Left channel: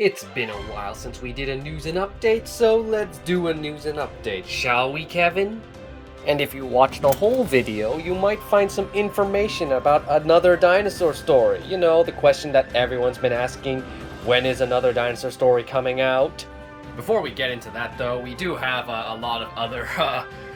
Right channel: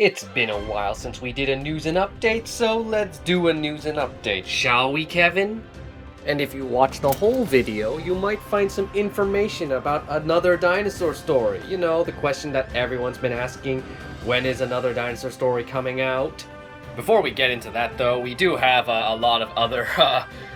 It's been a while since we did a news and update, so let's do a news and update, shall we, Kevin? And if you watch the whole video, you might find some information about another dinosaur story. You know, the question that everyone's been asking, when is another dinosaur story coming out? Before we get into that, though, we do have a lot of other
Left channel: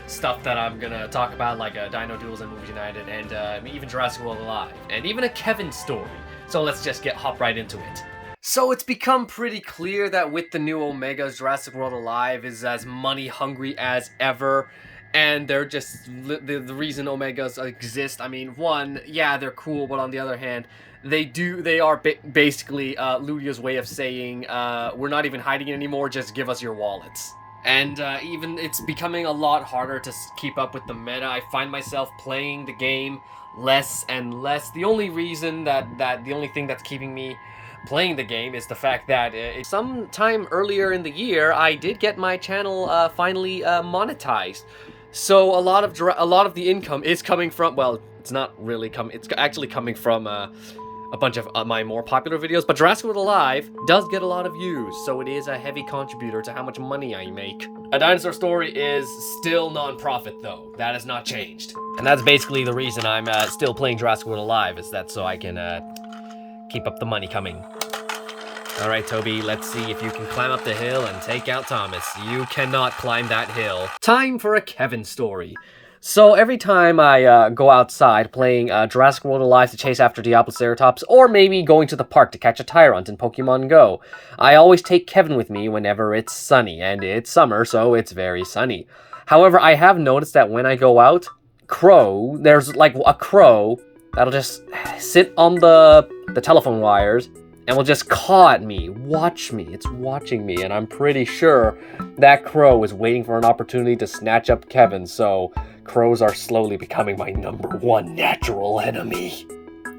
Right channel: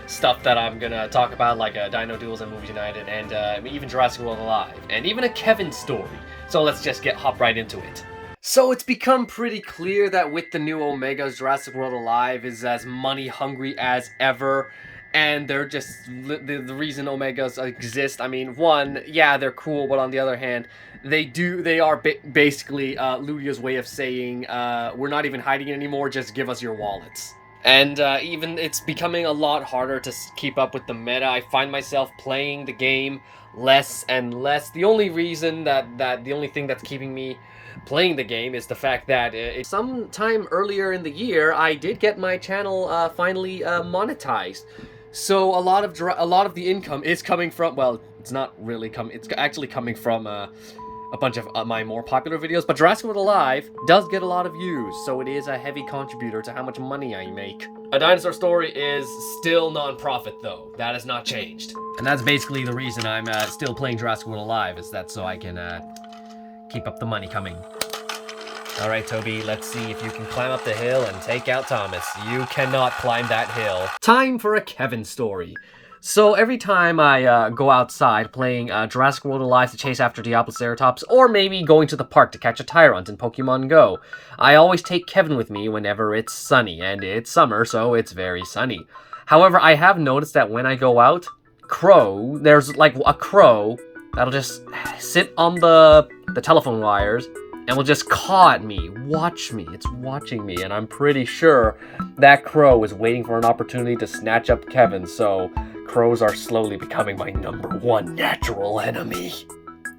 stuff that I'm gonna talk about, like Dino Duels and Movies United, and even Jurassic World Alive, and even a Kevin story. So let's just hop right into it. So it's become pretty clear that with the new Omegas, Jurassic World Alive is as money hungry as ever. And they're just the reason Omegas exist. I mean, one, yeah, they're cool, but on the other hand, they are basically Ludia's way of saying, we're not even hiding it anymore, just give us your wallets. And even it's becoming a lot harder to keep up with the meta. I find myself playing the game less and less. The only reason the only thing that's keeping me playing the game is the fact that sometime earlier in the year, I did get my channel finally monetized. So a lot of the income is coming from, well, it's not really it's actually coming from a bunch of my more popular videos, but Jurassic World Alive does get a lot of views, so it is a heavy contributor to how much money I make. A Dinosaur Story is still non-profit though, that has not changed. And that's basically the reason I'm still playing Jurassic World Alive, is that so I can keep up the money coming. Alright, Toby, let's see if you can climb up the hill and take out Thomas. You cannot climb that hill. Time for a Kevin story. So every time I go outside playing Jurassic World Alive to chase after Diabloceratops, or maybe going to the park to catch a Tyrant in Pokemon Go, I always take Kevin with me whenever it's sunny, and it's summer, so it's very sunny. However, I have noticed that when I go out, there's like a crow that'll just sit on the telephone wires and will just caw at me, watch me, it's watching me, and I'm pretty sure that crow is waiting for an opportunity to snatch up Kevin, so crows are slowly becoming my #1 natural enemy.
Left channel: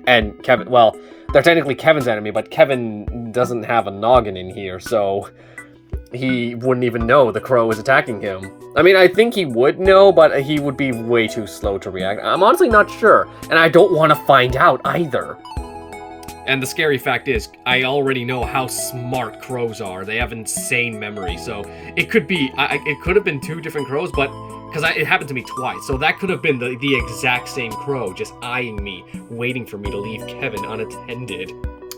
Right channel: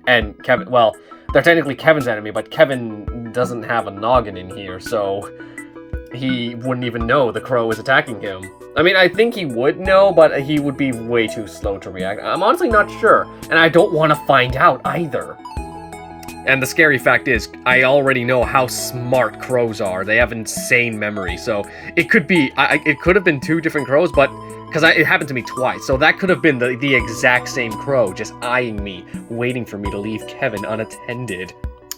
And Kevin, well, they're technically Kevin's enemy, but Kevin doesn't have a noggin in here, so he wouldn't even know the crow is attacking him. I mean, I think he would know, but he would be way too slow to react. I'm honestly not sure, and I don't want to find out either. And the scary fact is, I already know how smart crows are. They have insane memory, so it could be, it could have been 2 different crows, but, because it happened to me twice, so that could have been the exact same crow, just eyeing me, waiting for me to leave Kevin unattended.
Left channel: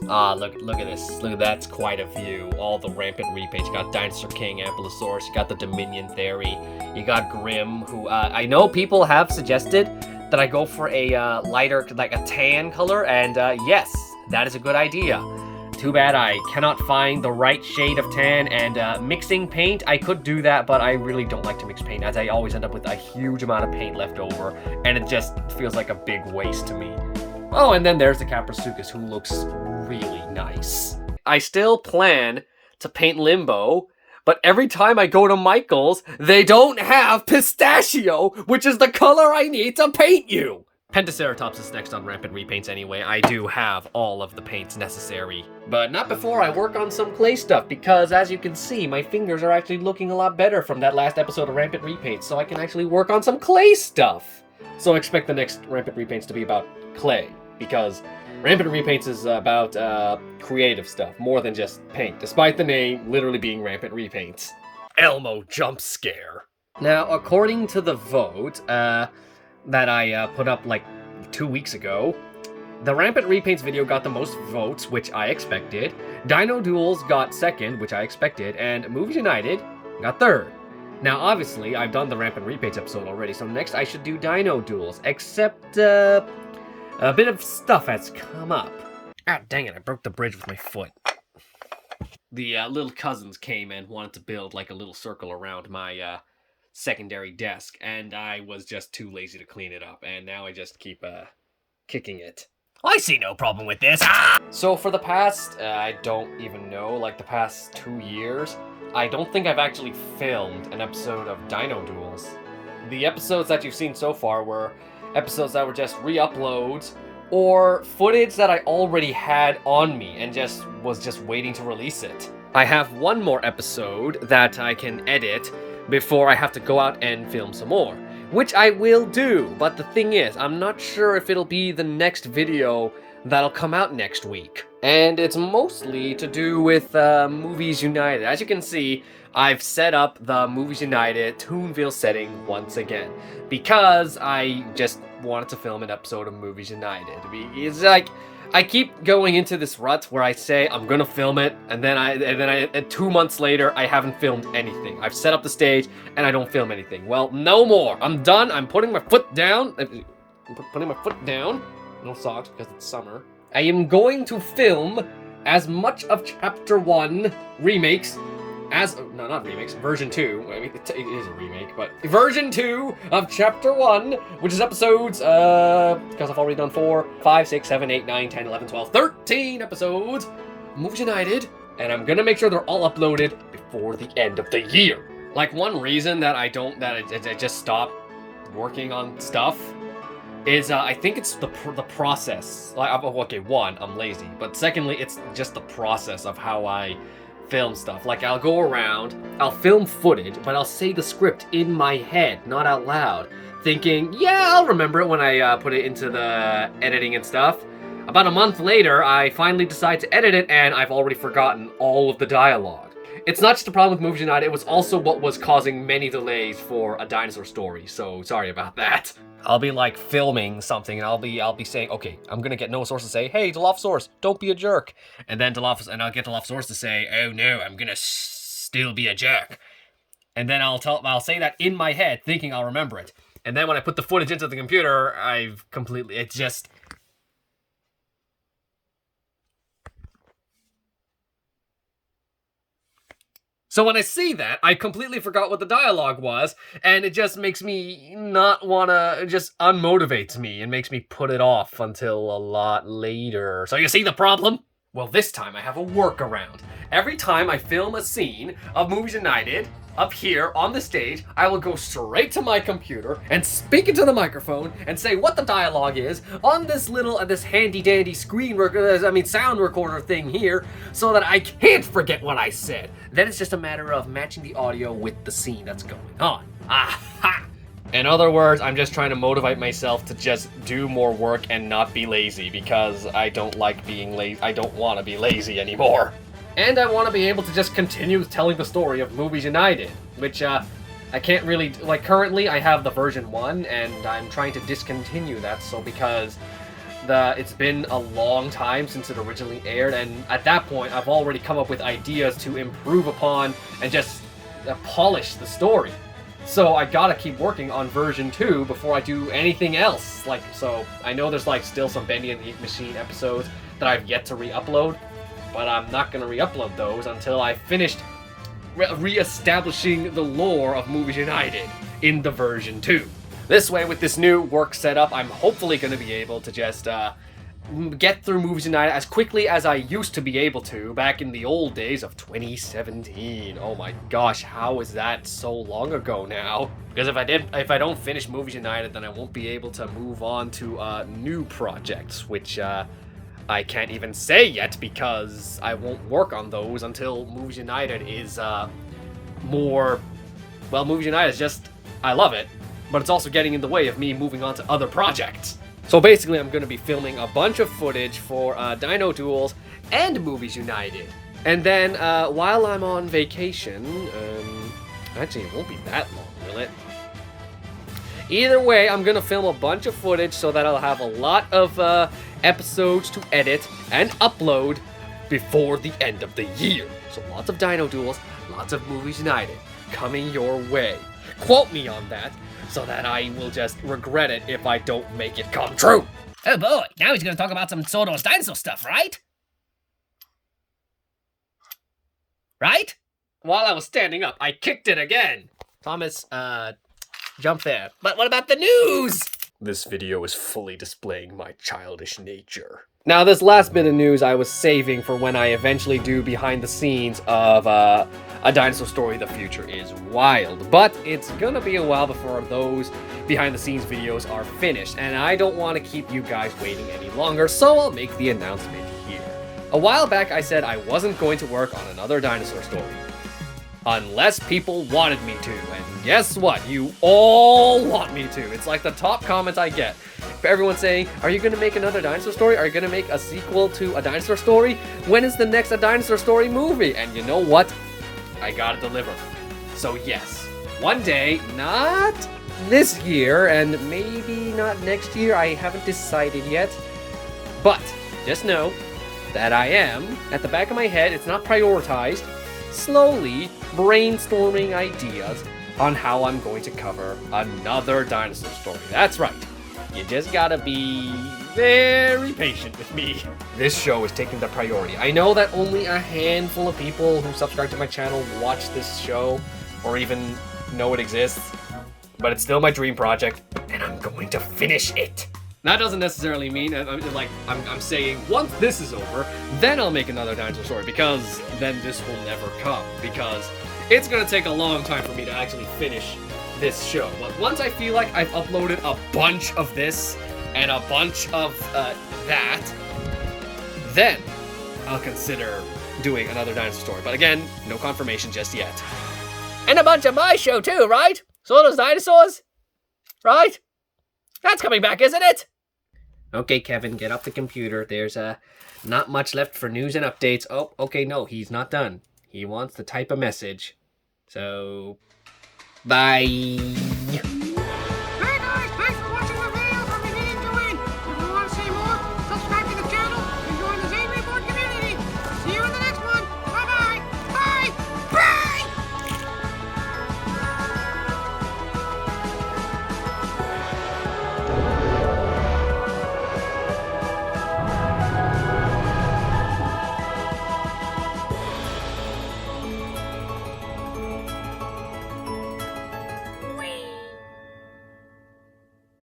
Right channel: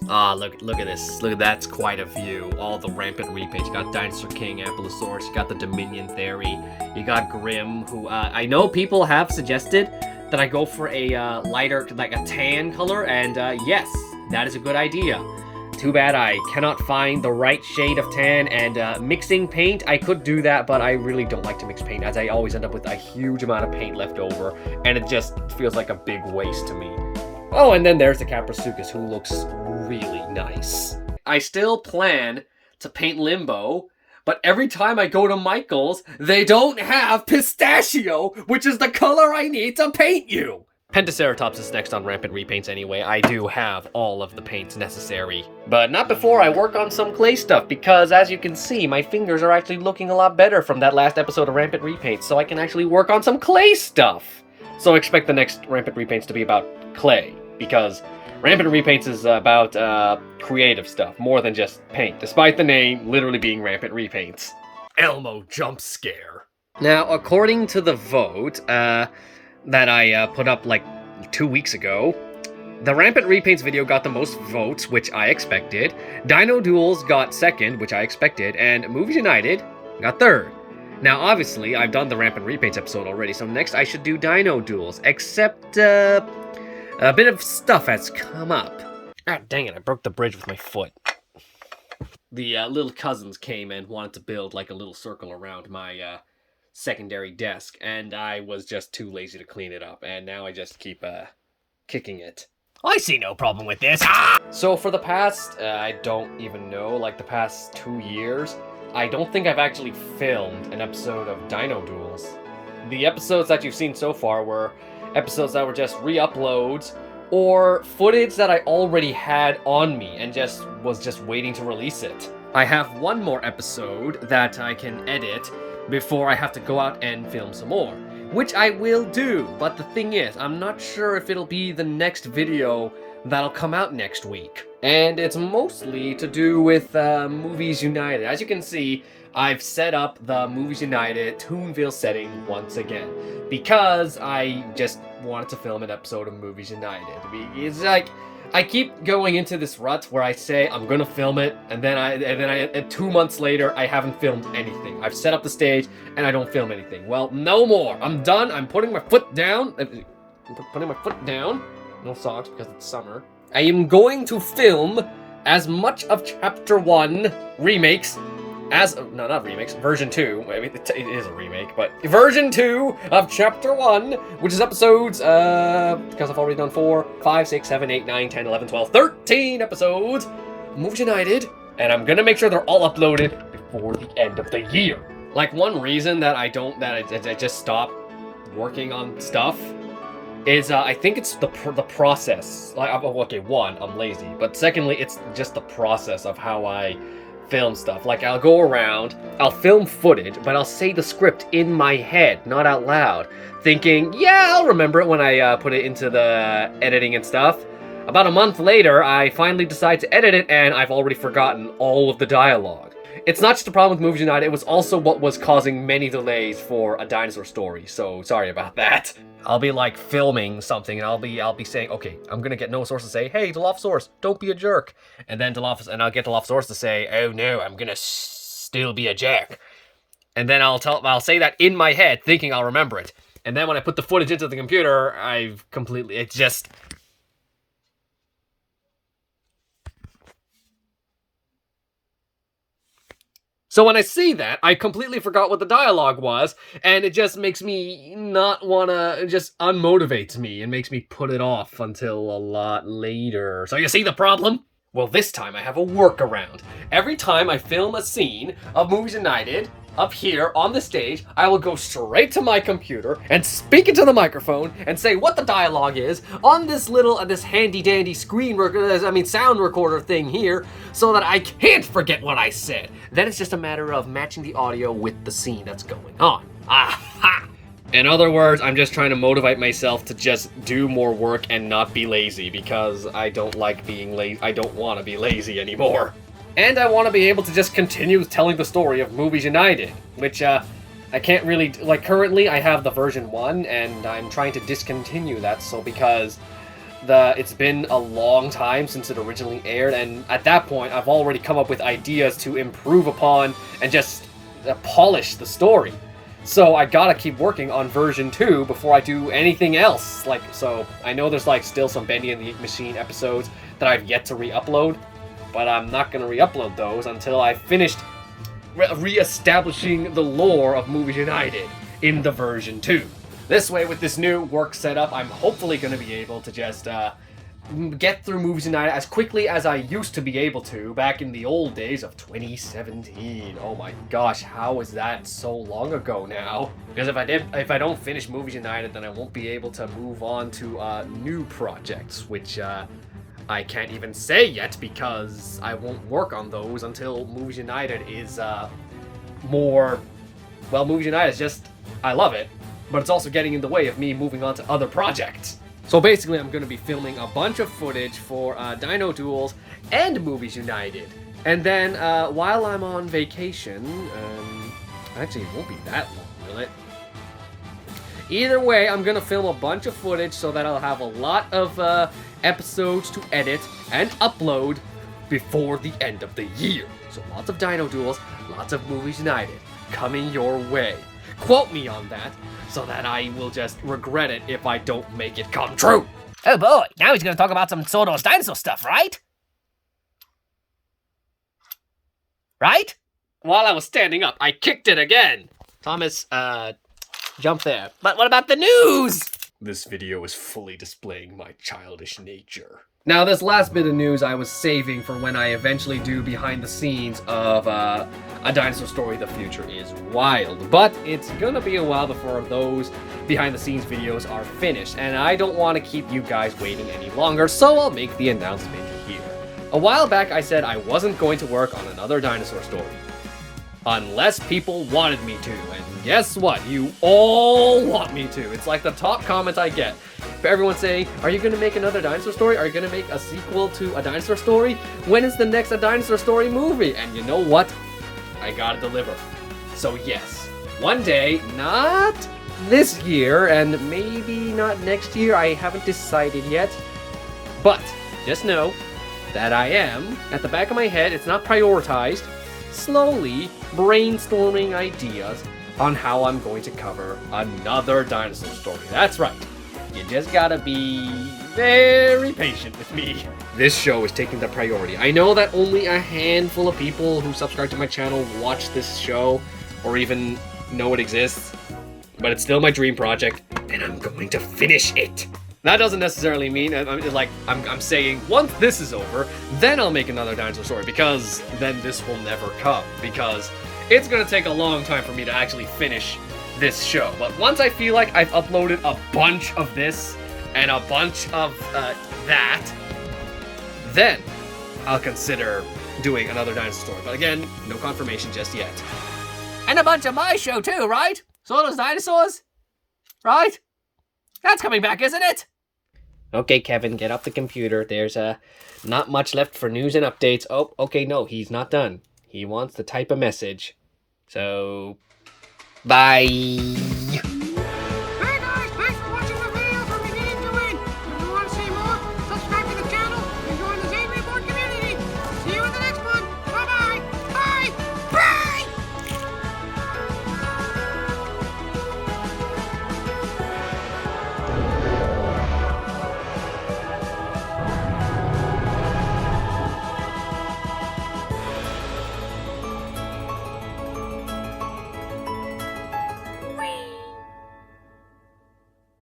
Ah, look at this. Look, that's quite a view. All the Rampant repaints. You got Dinosaur King, Ankylosaurus, you got the Dominion Theory, you got Grim, who, I know people have suggested that I go for a lighter, like a tan color, and yes, that is a good idea. Too bad I cannot find the right shade of tan, and mixing paint, I could do that, but I really don't like to mix paint, as I always end up with a huge amount of paint left over, and it just feels like a big waste to me. Oh, and then there's the Caprasuchus, who looks really nice. I still plan to paint Limbo, but every time I go to Michael's, they don't have Pistachio, which is the color I need to paint you! Pentaceratops is next on Rampant repaints anyway. I do have all of the paints necessary. But not before I work on some clay stuff, because as you can see, my fingers are actually looking a lot better from that last episode of Rampant repaints, so I can actually work on some clay stuff. So expect the next Rampant repaints to be about clay, because Rampant repaints is about creative stuff, more than just paint, despite the name literally being Rampant repaints. Elmo jump scare. Now, according to the vote, that I put up like 2 weeks ago, the Rampant repaints video got the most votes, which I expected. Dino Duels got 2nd, which I expected, and Movies United got 3rd. Now, obviously, I've done the Rampant repaints episode already, so next I should do Dino Duels, except a bit of stuff has come up. Ah, dang it, I broke the bridge with my foot. The little cousins came and wanted to build like a little circle around my secondary desk, and I was just too lazy to clean it up, and now I just keep kicking it. I see no problem with this. Ah! So for the past, I don't even know, like the past 2 years, I don't think I've actually filmed an episode of Dino Duels. The episodes that you've seen so far were episodes that were just re-uploads, or footage that I already had on me and was just waiting to release it. I have one more episode that I can edit before I have to go out and film some more, which I will do, but the thing is, I'm not sure if it'll be the next video that'll come out next week. And it's mostly to do with Movies United. As you can see, I've set up the Movies United Toonville setting once again, because I just wanted to film an episode of Movies United. It's like, I keep going into this rut where I say I'm gonna film it, and then 2 months later, I haven't filmed anything. I've set up the stage, and I don't film anything. Well, no more. I'm done. I'm putting my foot down. No socks because it's summer. I am going to film as much of Chapter 1 remakes no, not remakes, version 2. I mean, it is a remake, but version 2 of Chapter 1, which is episodes, because I've already done 4, 5, 6, 7, 8, 9, 10, 11, 12, 13 episodes, Movies United, and I'm gonna make sure they're all uploaded before the end of the year. Like, one reason that I just stopped working on stuff is, I think it's the process. Like, okay, one, I'm lazy, but secondly, it's just the process of how I film stuff. Like, I'll go around, I'll film footage, but I'll say the script in my head, not out loud, thinking, yeah, I'll remember it when I put it into the editing and stuff. About a month later, I finally decide to edit it, and I've already forgotten all of the dialogue. It's not just a problem with Movies United, it was also what was causing many delays for a dinosaur story, so sorry about that. I'll be like filming something and I'll be saying, okay, I'm gonna get Dilophosaurus to say, hey, Dilophosaurus, don't be a jerk. And then I'll get Dilophosaurus to say, oh no, I'm gonna still be a jerk. And then I'll say that in my head, thinking I'll remember it. And then when I put the footage into the computer, it's just... So when I see that, I completely forgot what the dialogue was, and it just makes me not wanna, it just unmotivates me and makes me put it off until a lot later. So you see the problem? Well, this time I have a workaround. Every time I film a scene of Movies United, up here on the stage, I will go straight to my computer and speak into the microphone and say what the dialogue is on this little, this handy dandy sound recorder thing here, so that I can't forget what I said. Then it's just a matter of matching the audio with the scene that's going on. Aha! In other words, I'm just trying to motivate myself to just do more work and not be lazy, because I don't like being lazy. I don't want to be lazy anymore. And I want to be able to just continue telling the story of Movies United, which, I can't really, like, currently I have the version 1, and I'm trying to discontinue that, so because it's been a long time since it originally aired, and at that point, I've already come up with ideas to improve upon and just polish the story. So I gotta keep working on version 2 before I do anything else. Like, so I know there's, like, still some Bendy and the Ink Machine episodes that I've yet to re-upload, but I'm not going to re-upload those until I've finished re-establishing the lore of Movies United in the version 2. This way, with this new work setup, I'm hopefully going to be able to just get through Movies United as quickly as I used to be able to back in the old days of 2017. Oh my gosh, how is that so long ago now? Because if I don't finish Movies United, then I won't be able to move on to new projects, which I can't even say yet, because I won't work on those until Movies United is more... Well, Movies United is just... I love it, but it's also getting in the way of me moving on to other projects. So basically, I'm going to be filming a bunch of footage for Dino Duels and Movies United. And then, while I'm on vacation... actually, it won't be that long, will it? Either way, I'm going to film a bunch of footage so that I'll have a lot of episodes to edit and upload before the end of the year. So lots of Dino Duels, lots of Movies United coming your way. Quote me on that, so that I will just regret it if I don't make it come true. Oh boy, now he's gonna talk about some Soto's dinosaur stuff, right? Right? While I was standing up, I kicked it again. Thomas, jump there. But what about the news? This video is fully displaying my childish nature. Now, this last bit of news I was saving for when I eventually do behind the scenes of a Dinosaur Story, The Future is Wild. But it's gonna be a while before those behind the scenes videos are finished, and I don't want to keep you guys waiting any longer, so I'll make the announcement here. A while back I said I wasn't going to work on another Dinosaur Story. unless people wanted me to. And guess what? You all want me to. It's like the top comment I get. For everyone saying, are you going to make another dinosaur story? Are you going to make a sequel to a dinosaur story? When is the next A Dinosaur Story movie? And you know what? I gotta deliver. So yes, one day, not this year, and maybe not next year, I haven't decided yet. But just know that I am, at the back of my head, it's not prioritized, slowly brainstorming ideas on how I'm going to cover another dinosaur story. That's right. You just gotta be very patient with me. This show is taking the priority. I know that only a handful of people who subscribe to my channel watch this show or even know it exists, but it's still my dream project, and I'm going to finish it. That doesn't necessarily mean, I'm saying once this is over, then I'll make another dinosaur story, because then this will never come, because it's gonna take a long time for me to actually finish this show. But once I feel like I've uploaded a bunch of this and a bunch of that, then I'll consider doing another dinosaur story. But again, no confirmation just yet. And a bunch of my show too, right? So those dinosaurs? Right? That's coming back, isn't it? Okay, Kevin, get off the computer. There's not much left for news and updates. Oh, okay, no, he's not done. He wants to type a message. So, bye.